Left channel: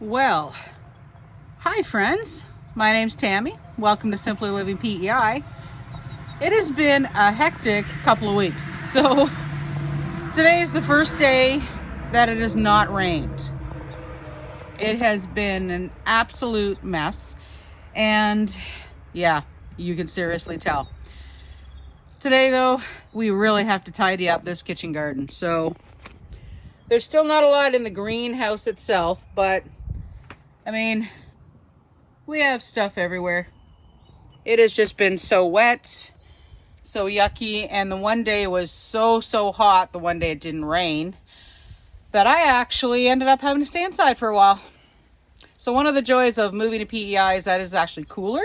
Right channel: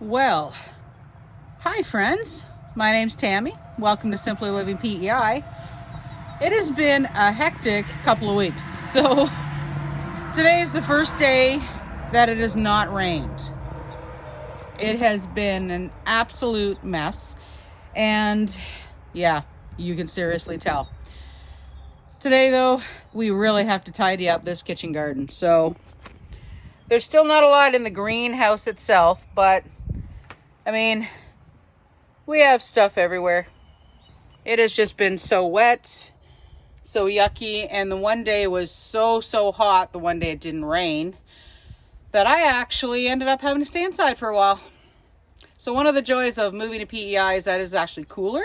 Well, hi friends. My name's Tammy. Welcome to Simply Living PEI. It has been a hectic couple of weeks. So today is the first day that it has not rained. It has been an absolute mess. And yeah, you can seriously tell. Today though, we really have to tidy up this kitchen garden. So there's still not a lot in the greenhouse itself, but I mean, we have stuff everywhere. It has just been so wet, so yucky, and the one day was so hot, the one day it didn't rain, that I actually ended up having to stay inside for a while. So one of the joys of moving to PEI is that it's actually cooler.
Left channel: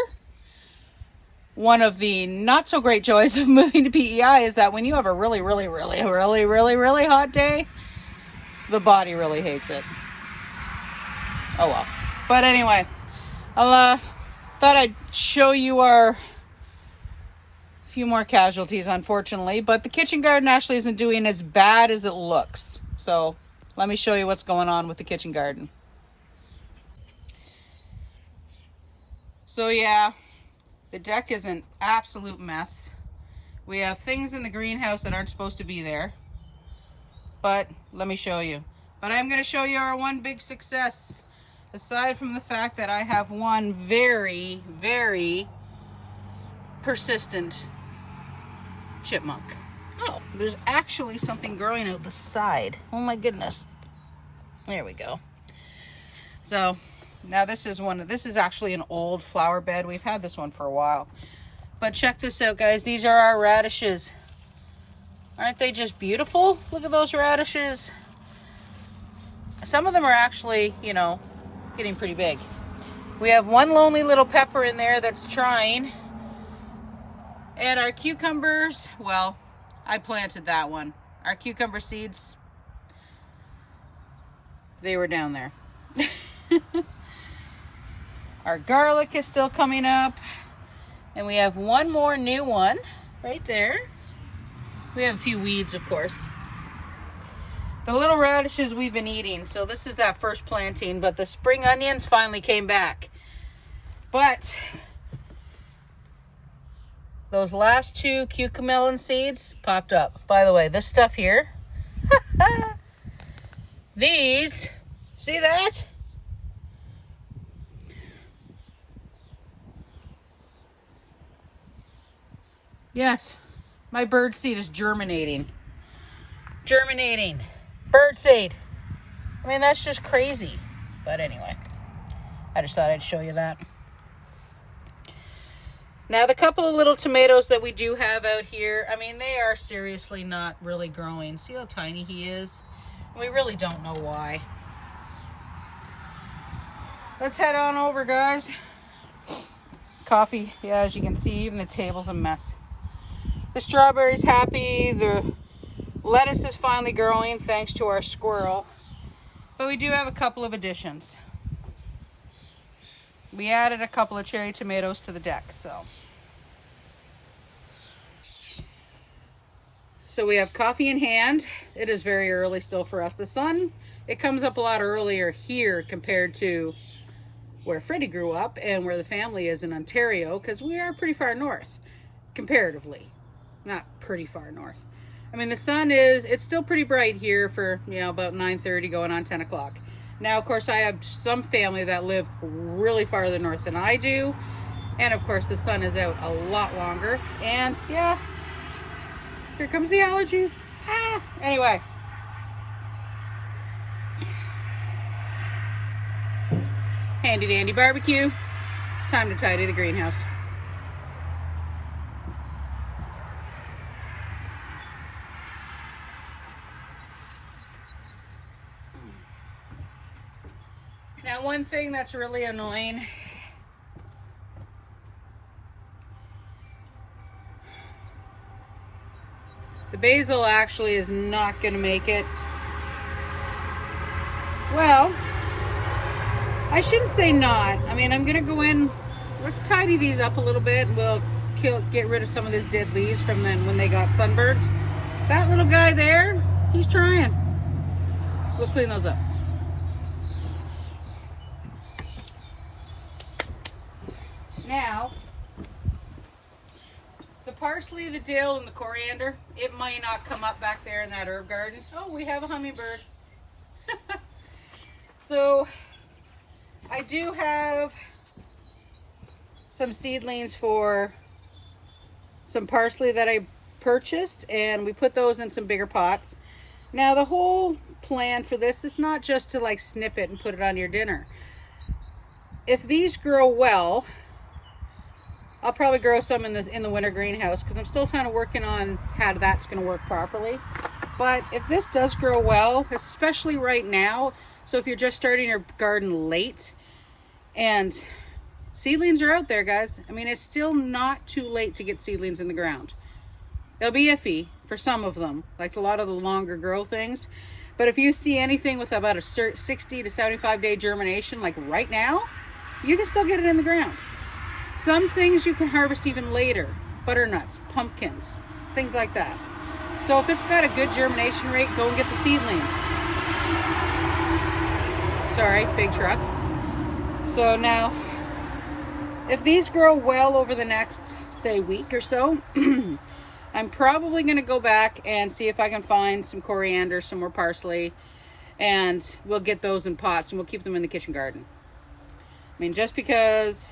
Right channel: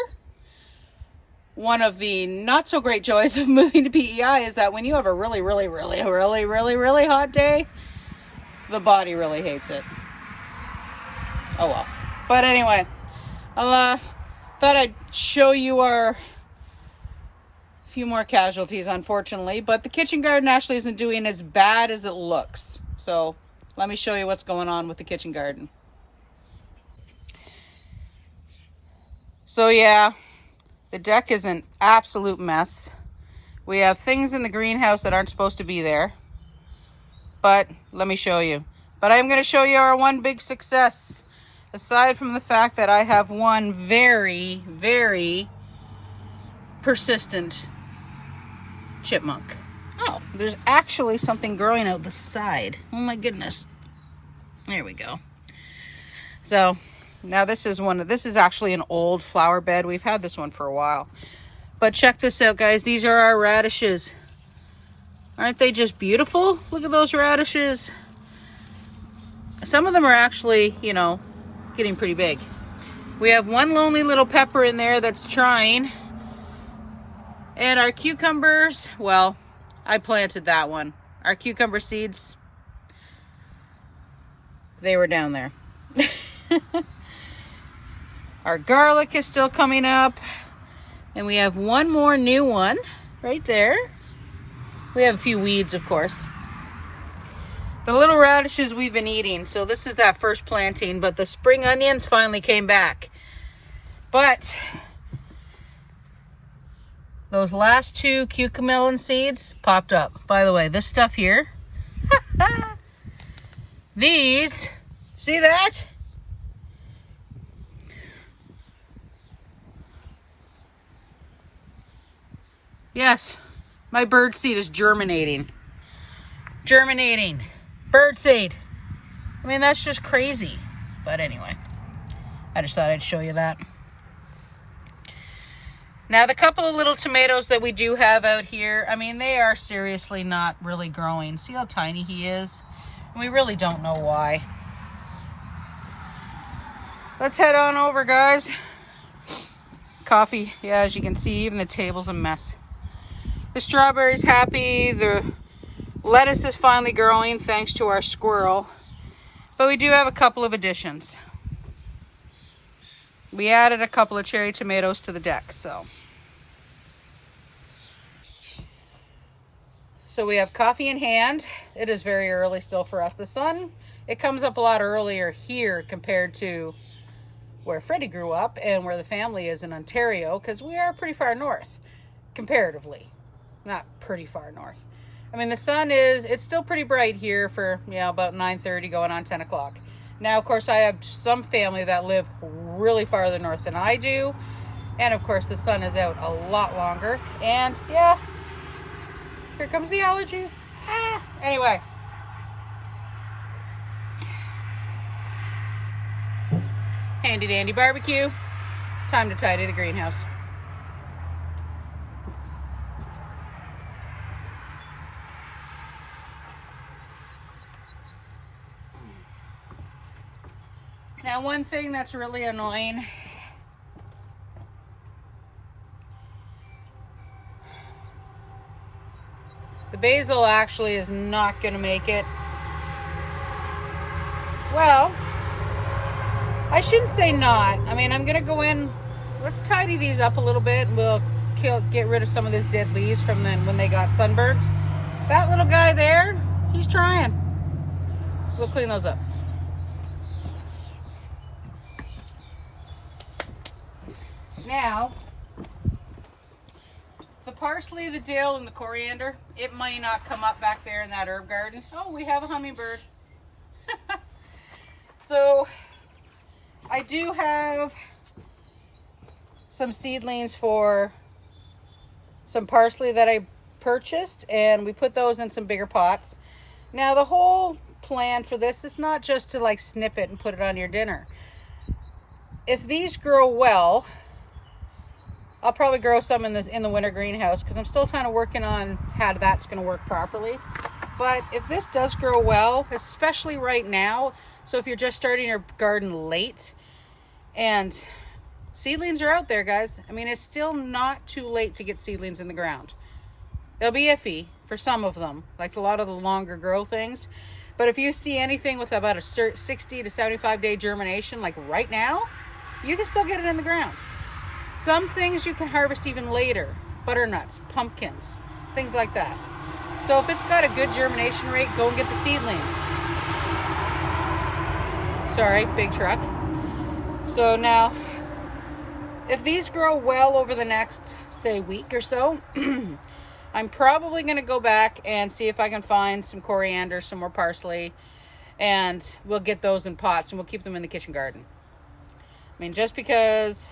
One of the not so great joys of moving to PEI is that when you have a really hot day, the body really hates it. Oh well. But anyway, I thought I'd show you our few more casualties, unfortunately. But the kitchen garden actually isn't doing as bad as it looks. So let me show you what's going on with the kitchen garden. So yeah, the deck is an absolute mess. We have things in the greenhouse that aren't supposed to be there. But let me show you. But I'm going to show you our one big success. Aside from the fact that I have one very persistent chipmunk. Oh, there's actually something growing out the side. Oh my goodness. There we go. So now this is actually an old flower bed. We've had this one for a while. But check this out, guys. These are our radishes. Aren't they just beautiful? Look at those radishes. Some of them are actually, you know, getting pretty big. We have one lonely little pepper in there that's trying. And our cucumbers, well, I planted that one. Our cucumber seeds, they were down there. Our garlic is still coming up. And we have one more new one right there. We have a few weeds, of course. The little radishes we've been eating. So this is that first planting, but the spring onions finally came back. But those last two cucamelon seeds popped up. By the way, this stuff here, these, see that? Yes, my bird seed is germinating. Bird seed. I mean, that's just crazy. But anyway, I just thought I'd show you that. Now, the couple of little tomatoes that we do have out here, I mean, they are seriously not really growing. See how tiny he is? We really don't know why. Let's head on over, guys. Coffee. Yeah, as you can see, even the table's a mess. The strawberry's happy. The lettuce is finally growing thanks to our squirrel. But we do have a couple of additions. We added a couple of cherry tomatoes to the deck, so we have coffee in hand. It is very early still for us. The sun, it comes up a lot earlier here compared to where Freddie grew up and where the family is in Ontario, because we are pretty far north, comparatively. Not pretty far north. I mean, the sun it's still pretty bright here for, you know, about 9:30 going on 10 o'clock. Now, of course, I have some family that live really farther north than I do. And, of course, the sun is out a lot longer. And, yeah, here comes the allergies. Anyway. Handy dandy barbecue. Time to tidy the greenhouse. Now, one thing that's really annoying, the basil actually is not going to make it. Well, I shouldn't say not. I mean, I'm going to go in, let's tidy these up a little bit. We'll get rid of some of this dead leaves from when they got sunburnt. That little guy there, he's trying. We'll clean those up. Now, the parsley, the dill, and the coriander, it might not come up back there in that herb garden. Oh, we have a hummingbird. So, I do have some seedlings for some parsley that I purchased, and we put those in some bigger pots. Now, the whole plan for this is not just to like snip it and put it on your dinner. If these grow well, I'll probably grow some in the winter greenhouse, because I'm still kind of working on how that's going to work properly. But if this does grow well, especially right now, so if you're just starting your garden late, and seedlings are out there, guys. I mean, it's still not too late to get seedlings in the ground. They'll be iffy for some of them, like a lot of the longer grow things. But if you see anything with about a 60 to 75 day germination, like right now, you can still get it in the ground. Some things you can harvest even later. Butternuts, pumpkins, things like that. So if it's got a good germination rate, go and get the seedlings. Sorry, big truck. So now, if these grow well over the next, say, week or so, I'm probably going to go back and see if I can find some coriander, some more parsley, and we'll get those in pots and we'll keep them in the kitchen garden. I mean, just because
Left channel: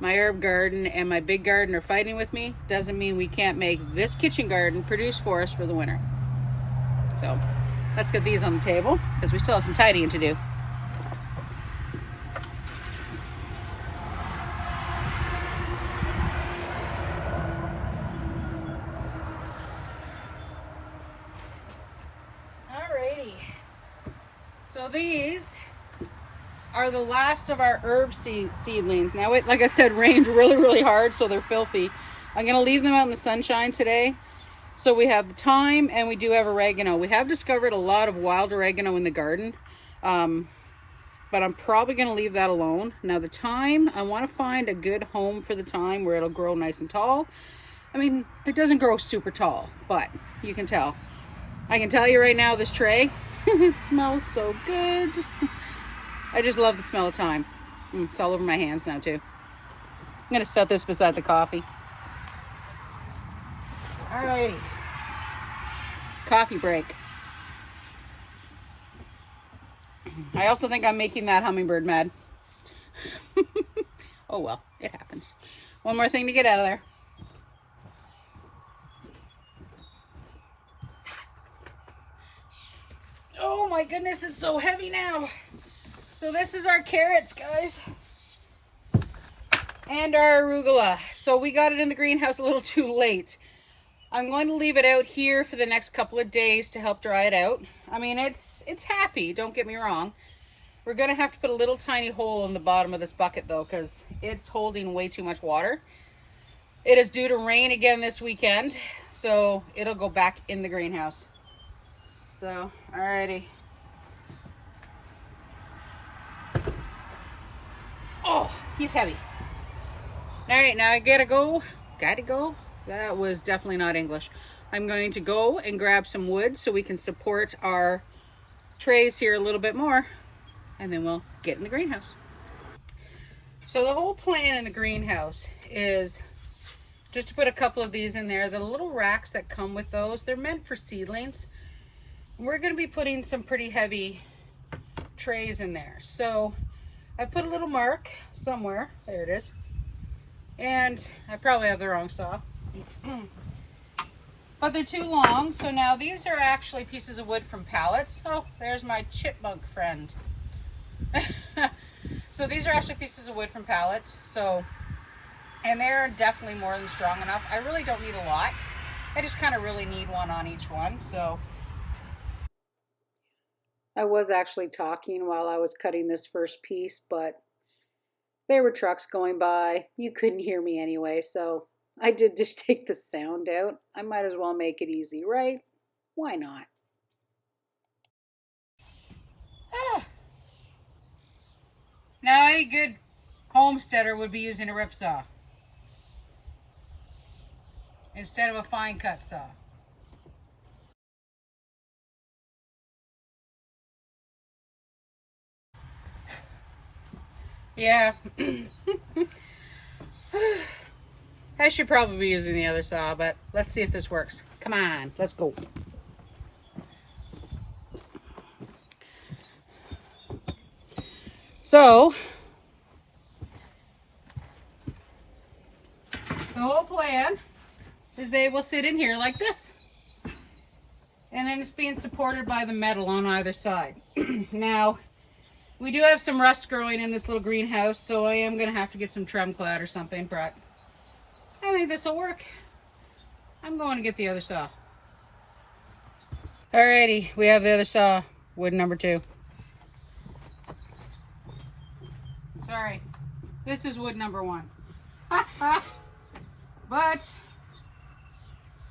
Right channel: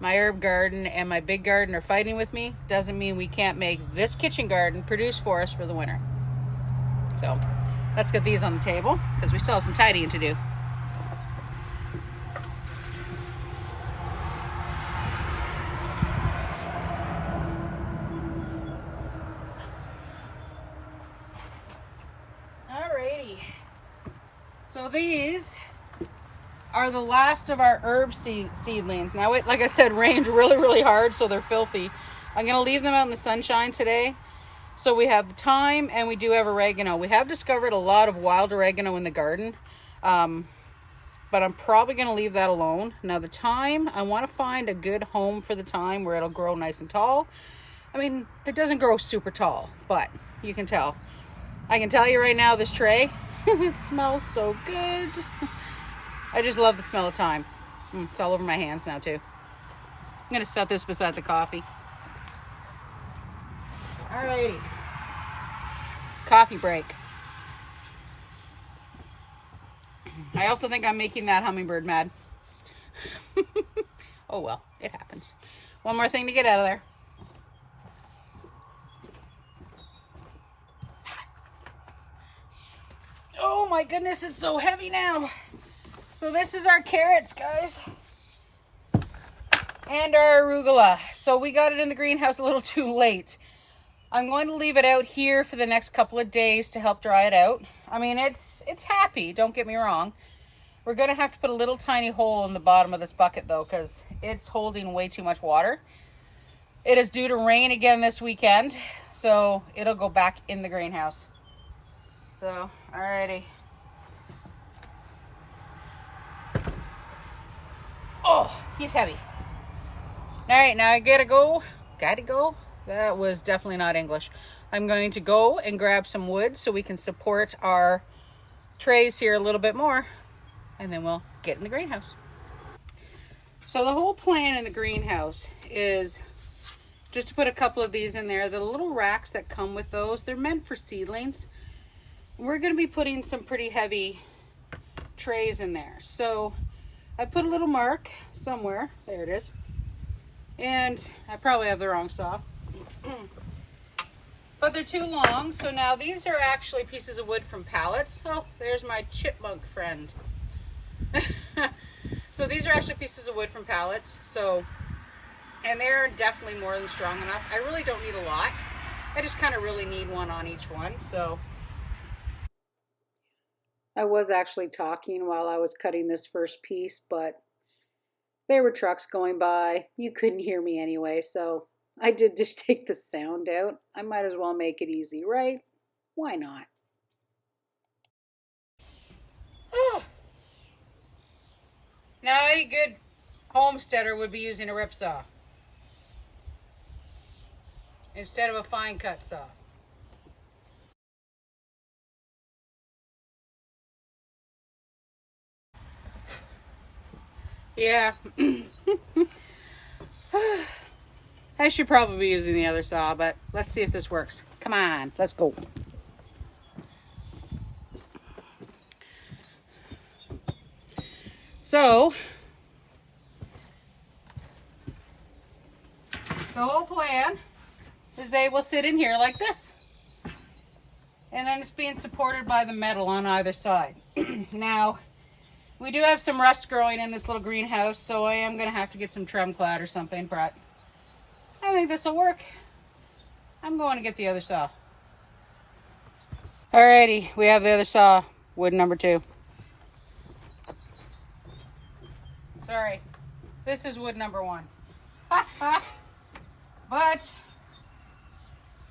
my herb garden and my big garden are fighting with me doesn't mean we can't make this kitchen garden produce for us for the winter. So let's get these on the table, because we still have some tidying to do. So these are the last of our herb seedlings. Now, it, like I said, rained really hard, so they're filthy. I'm going to leave them out in the sunshine today. So we have thyme, and we do have oregano. We have discovered a lot of wild oregano in the garden, but I'm probably going to leave that alone. Now, the thyme, I want to find a good home for the thyme where it'll grow nice and tall. I mean, it doesn't grow super tall, but you can tell. I can tell you right now, this tray, it smells so good. I just love the smell of thyme. It's all over my hands now too. I'm gonna set this beside the coffee. All right. Coffee break. I also think I'm making that hummingbird mad. Oh well, it happens. One more thing to get out of there. Oh my goodness, it's so heavy now. So this is our carrots, guys, and our arugula. So we got it in the greenhouse a little too late. I'm going to leave it out here for the next couple of days to help dry it out. I mean, it's happy, don't get me wrong. We're gonna have to put a little tiny hole in the bottom of this bucket though, because it's holding way too much water. It is due to rain again this weekend, so it'll go back in the greenhouse. So, alrighty. Oh, he's heavy. All right, now I gotta go. That was definitely not English. I'm going to go and grab some wood so we can support our trays here a little bit more, and then we'll get in the greenhouse. So the whole plan in the greenhouse is just to put a couple of these in there. The little racks that come with those, they're meant for seedlings. We're gonna be putting some pretty heavy trays in there. So I put a little mark somewhere. There it is. And I probably have the wrong saw. But they're too long. So now these are actually pieces of wood from pallets. Oh, there's my chipmunk friend. So these are actually pieces of wood from pallets. So, and they're definitely more than strong enough. I really don't need a lot. I just kind of really need one on each one. So I was actually talking while I was cutting this first piece, but there were trucks going by. You couldn't hear me anyway, so I did just take the sound out. I might as well make it easy, right? Why not? Now, any good homesteader would be using a rip saw instead of a fine cut saw. Yeah. I should probably be using the other saw, but let's see if this works. Come on, let's go. So, the whole plan is they will sit in here like this. And then it's being supported by the metal on either side. Now, we do have some rust growing in this little greenhouse, so I am going to have to get some Tremclad or something, but I think this will work. I'm going to get the other saw. Alrighty, we have the other saw, wood number 2. Sorry, this is wood number 1. But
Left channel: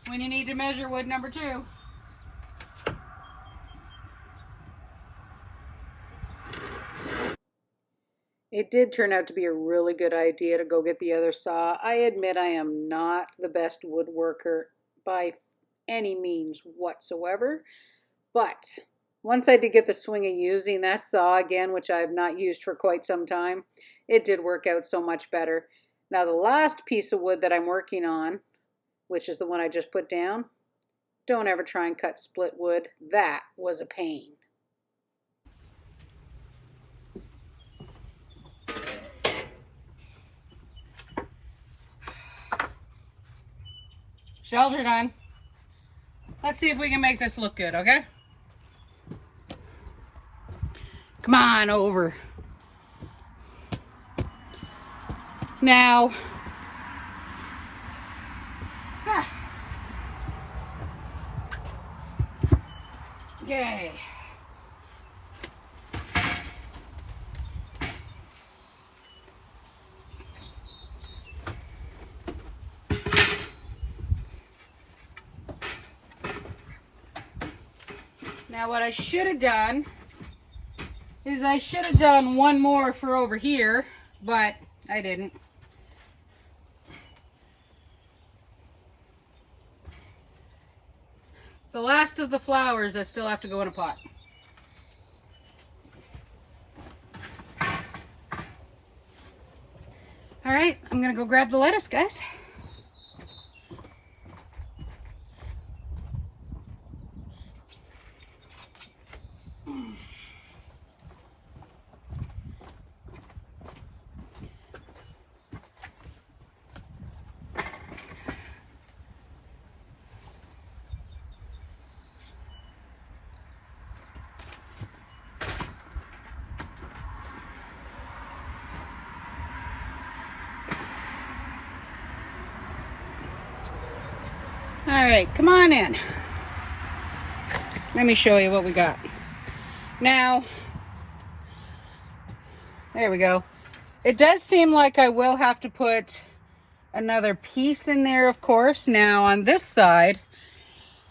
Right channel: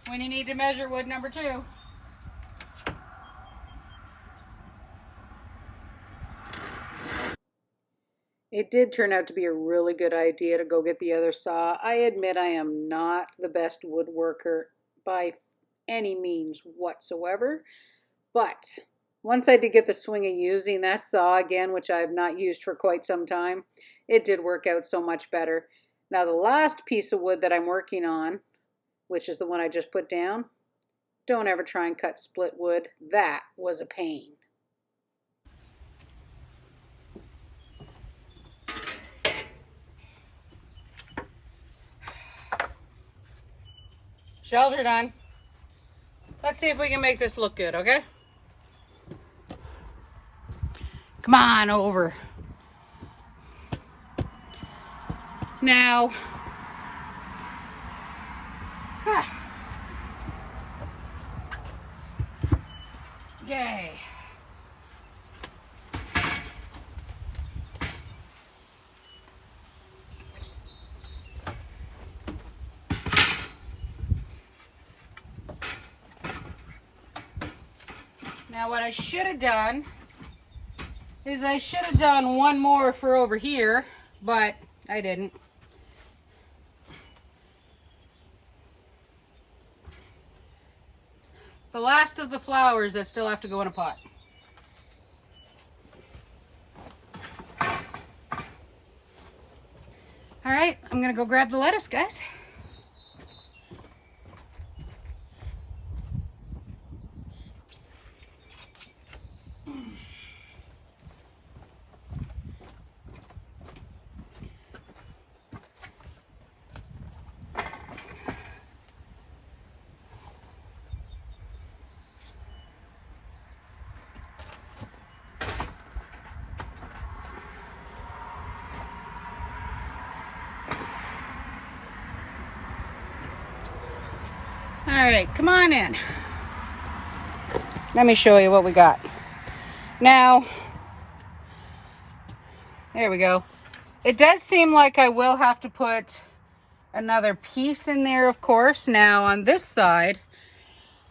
when you need to measure wood number 2, it did turn out to be a really good idea to go get the other saw. I admit I am not the best woodworker by any means whatsoever, but once I did get the swing of using that saw again, which I have not used for quite some time, it did work out so much better. Now the last piece of wood that I'm working on, which is the one I just put down, don't ever try and cut split wood. That was a pain. Shelves are done. Let's see if we can make this look good, okay? Come on over. Now, yay. Now what I should have done is I should have done one more for over here, but I didn't. The last of the flowers that still have to go in a pot. All right, I'm gonna go grab the lettuce, guys. All right, come on in. Let me show you what we got. Now, there we go. It does seem like I will have to put another piece in there, of course. Now, on this side,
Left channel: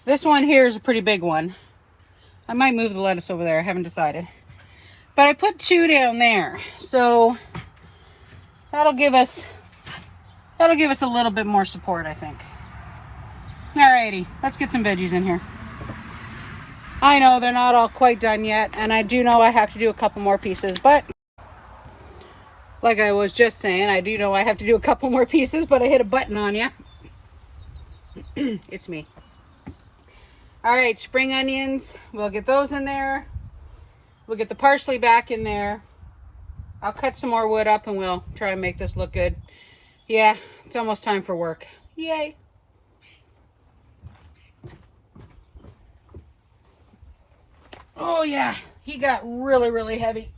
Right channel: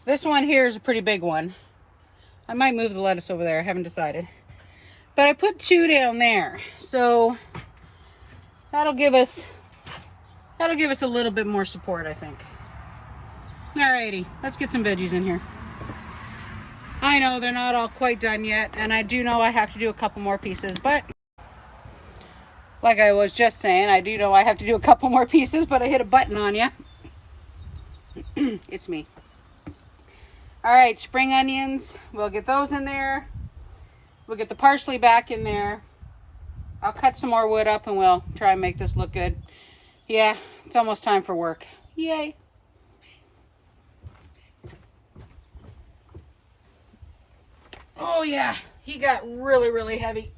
this one here is a pretty big one. I might move the lettuce over there, I haven't decided. But I put 2 down there, so that'll give us a little bit more support, I think. Alrighty, let's get some veggies in here. I know they're not all quite done yet, and I do know I have to do a couple more pieces, but like I was just saying, I do know I have to do a couple more pieces, but I hit a button on you. It's me. Alright, spring onions, we'll get those in there. We'll get the parsley back in there. I'll cut some more wood up and we'll try and make this look good. Yeah, it's almost time for work. Yay. Oh yeah, he got really, really heavy.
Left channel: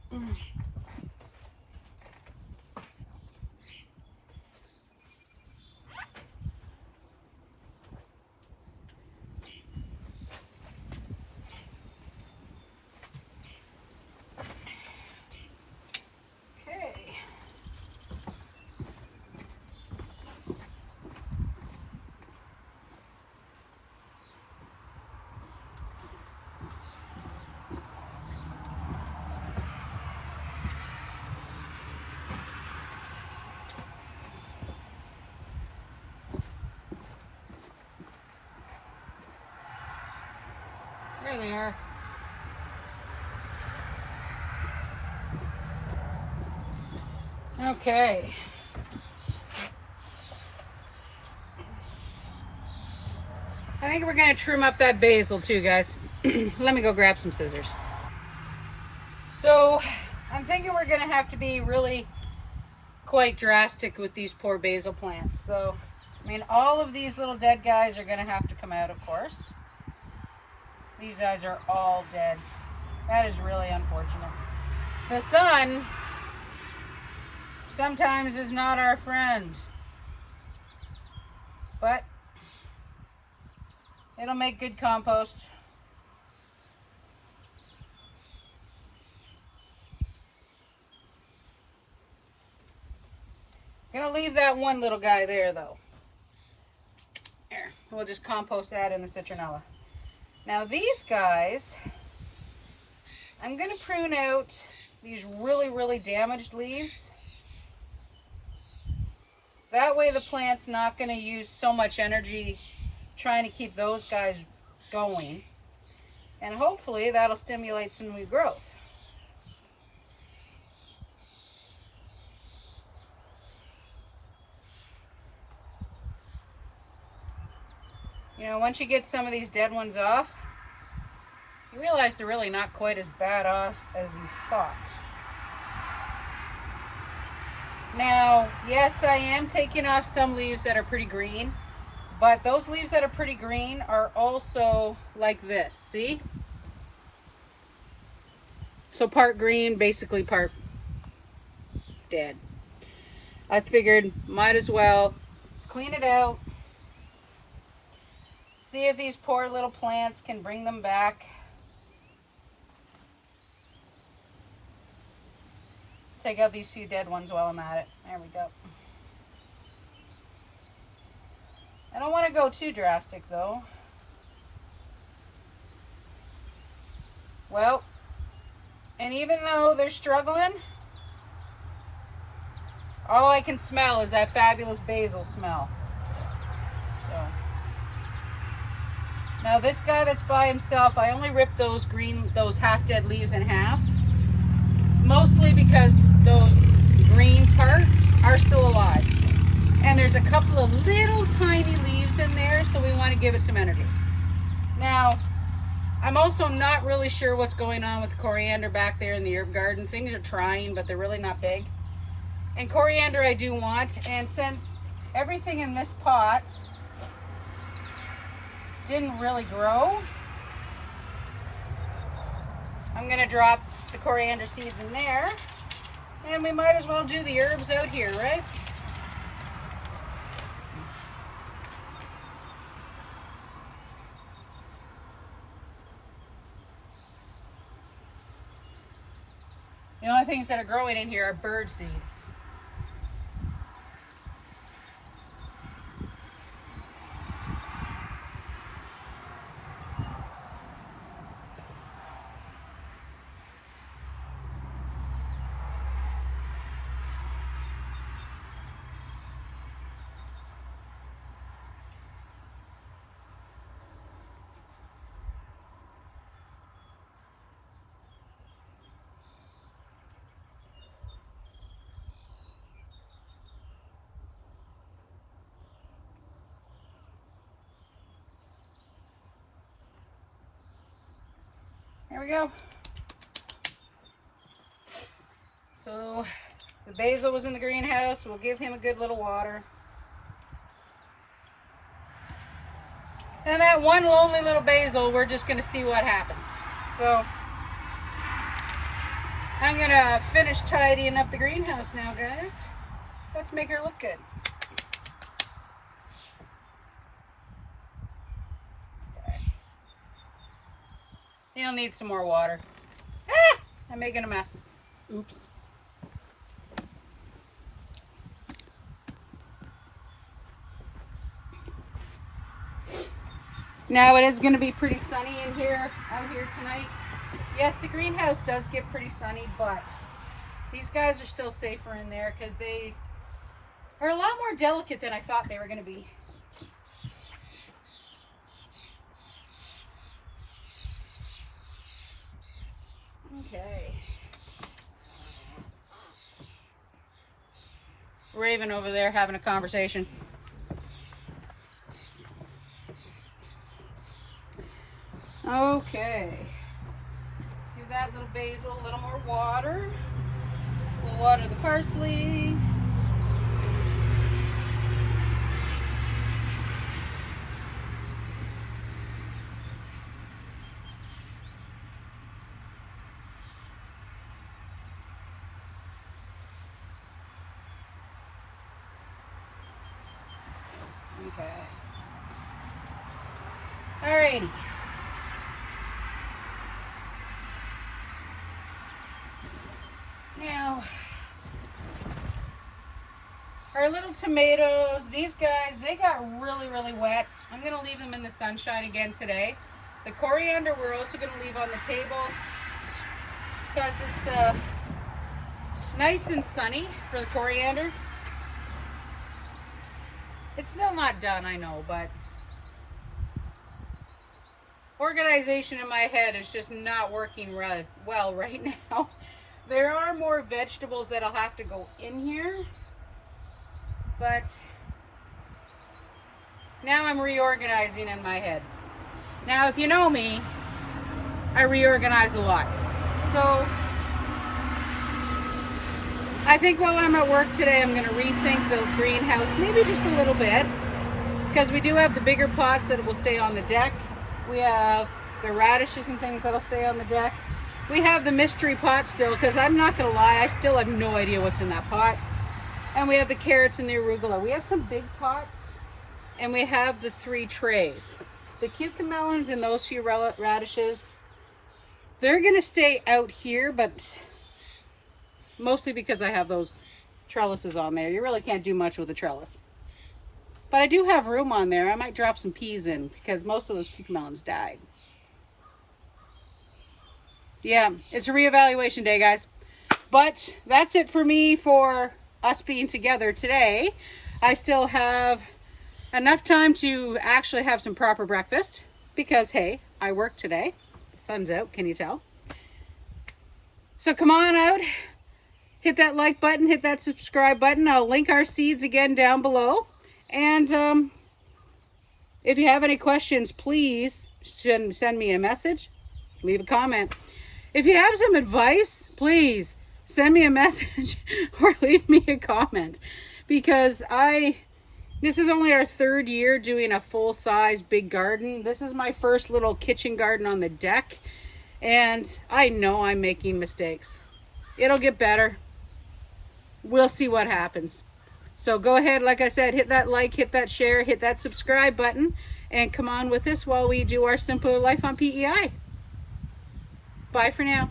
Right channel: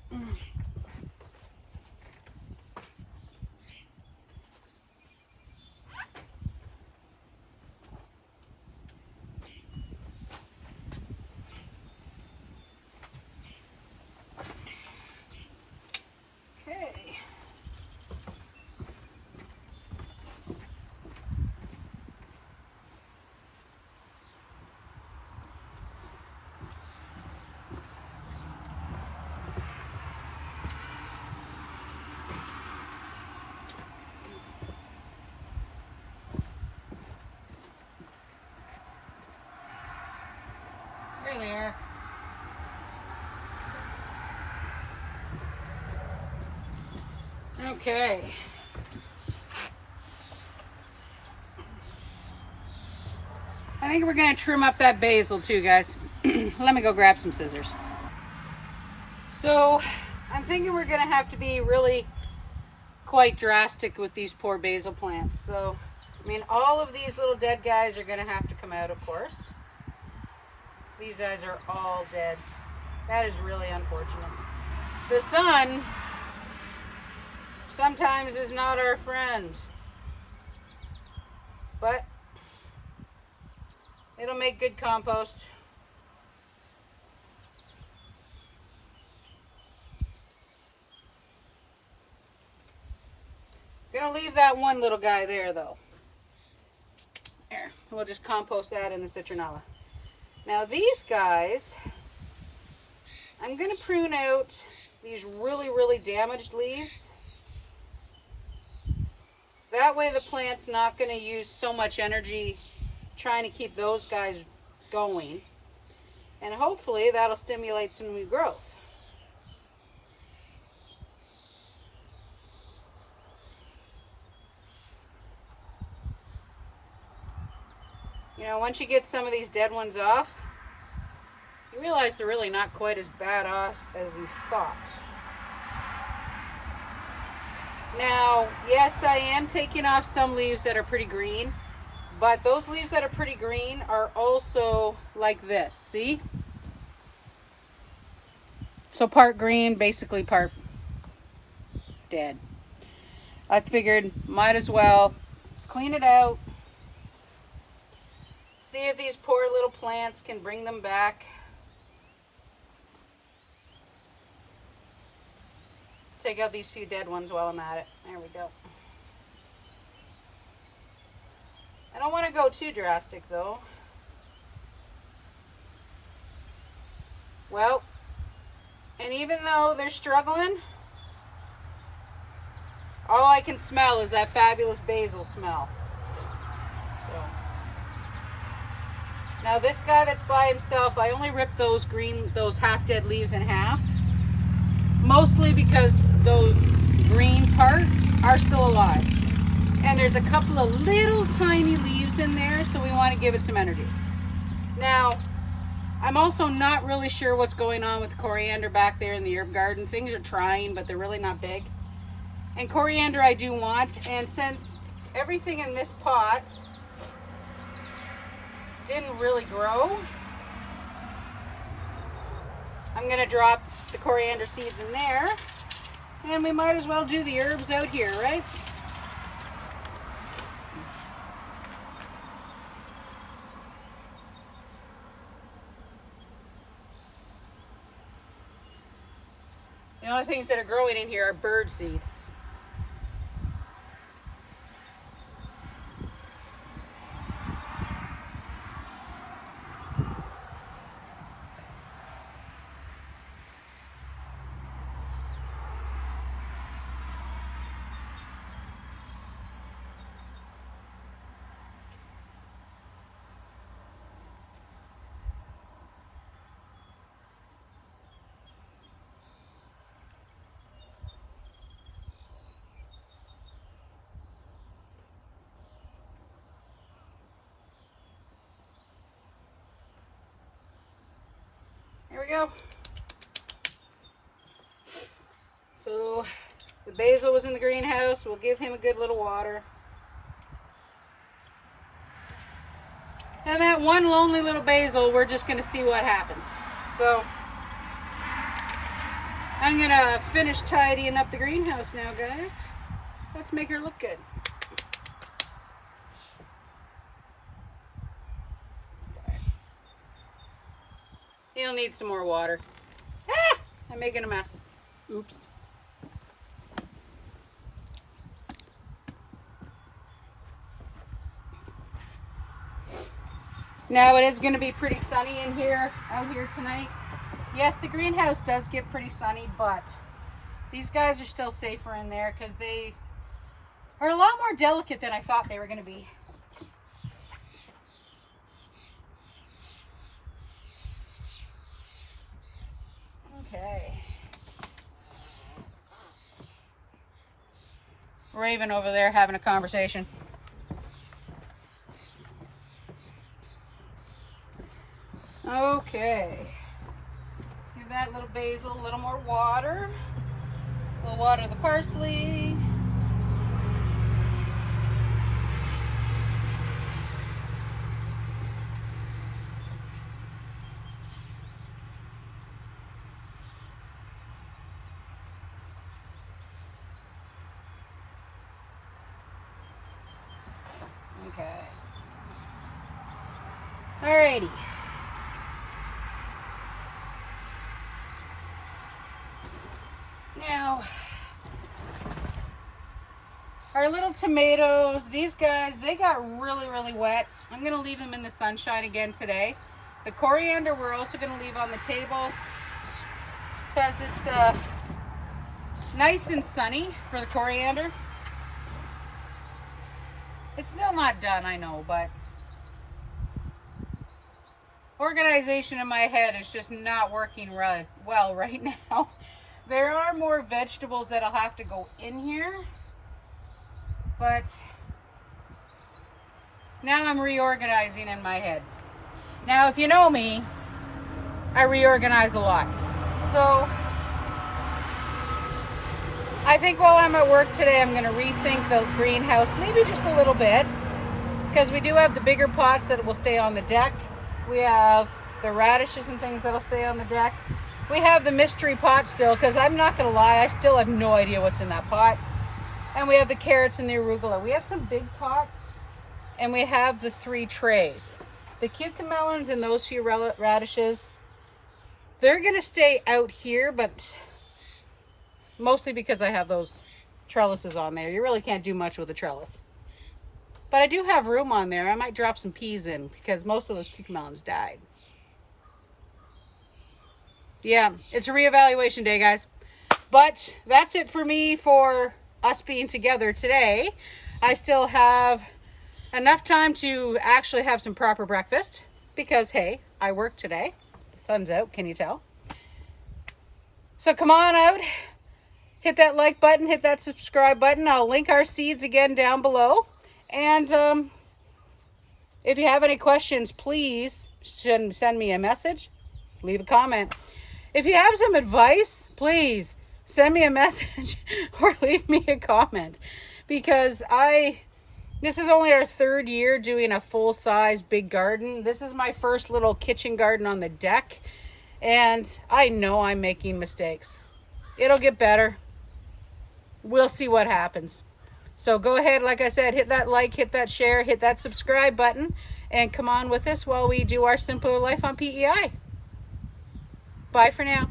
There they are. Okay. I think we're gonna trim up that basil too, guys. Let me go grab some scissors. So I'm thinking we're gonna have to be really quite drastic with these poor basil plants. So, I mean, all of these little dead guys are gonna have to come out, of course. These guys are all dead. That is really unfortunate. The sun sometimes is not our friend, but it'll make good compost. Gonna leave that one little guy there though. Here, we'll just compost that in the citronella. Now these guys, I'm gonna prune out these really damaged leaves. That way the plant's not gonna use so much energy trying to keep those guys going. And hopefully that'll stimulate some new growth. You know, once you get some of these dead ones off, you realize they're really not quite as bad off as you thought. Now, yes, I am taking off some leaves that are pretty green, but those leaves that are pretty green are also like this, see? So part green, basically part dead. I figured might as well clean it out. See if these poor little plants can bring them back. Take out these few dead ones while I'm at it. There we go. I don't want to go too drastic though. Well, and even though they're struggling, all I can smell is that fabulous basil smell. So. Now this guy that's by himself, I only ripped those half-dead leaves in half. Mostly because those green parts are still alive. And there's a couple of little tiny leaves in there, so we want to give it some energy. Now, I'm also not really sure what's going on with the coriander back there in the herb garden. Things are trying, but they're really not big. And coriander I do want, and since everything in this pot didn't really grow, I'm going to drop the coriander seeds in there, and we might as well do the herbs out here, right? The only things that are growing in here are bird seed. There we go. So the basil was in the greenhouse. We'll give him a good little water. And that one lonely little basil, we're just going to see what happens. So I'm going to finish tidying up the greenhouse now, guys. Let's make her look good. You'll need some more water. Ah! I'm making a mess. Oops. Now it is going to be pretty sunny out here tonight. Yes, the greenhouse does get pretty sunny, but these guys are still safer in there because they are a lot more delicate than I thought they were going to be. Okay. Raven over there having a conversation. Okay. Let's give that little basil a little more water. We'll water the parsley. Okay. Alrighty. Now, our little tomatoes, these guys, they got really wet. I'm going to leave them in the sunshine again today. The coriander we're also going to leave on the table because it's nice and sunny for the coriander. It's still not done, I know, but organization in my head is just not working well right now. There are more vegetables that'll have to go in here, but now I'm reorganizing in my head. Now, if you know me, I reorganize a lot. So I think while I'm at work today, I'm going to rethink the greenhouse maybe just a little bit, because we do have the bigger pots that will stay on the deck. We have the radishes and things that'll stay on the deck. We have the mystery pot still, because I'm not going to lie, I still have no idea what's in that pot. And we have the carrots and the arugula. We have some big pots, and we have the 3 trays. The cucamelons and those few radishes, they're going to stay out here, but mostly because I have those trellises on there. You really can't do much with a trellis. But I do have room on there. I might drop some peas in because most of those cucamelons died. Yeah, it's a reevaluation day, guys. But that's it for me for us being together today. I still have enough time to actually have some proper breakfast because, hey, I work today. The sun's out, can you tell? So come on out. Hit that like button, hit that subscribe button. I'll link our seeds again down below. And if you have any questions, please send me a message, leave a comment. If you have some advice, please send me a message or leave me a comment, because this is only our 3rd year doing a full-size big garden. This is my first little kitchen garden on the deck, and I know I'm making mistakes. It'll get better. We'll see what happens. So go ahead, like I said, hit that like, hit that share, hit that subscribe button, and come on with us while we do our simpler life on PEI. Bye for now.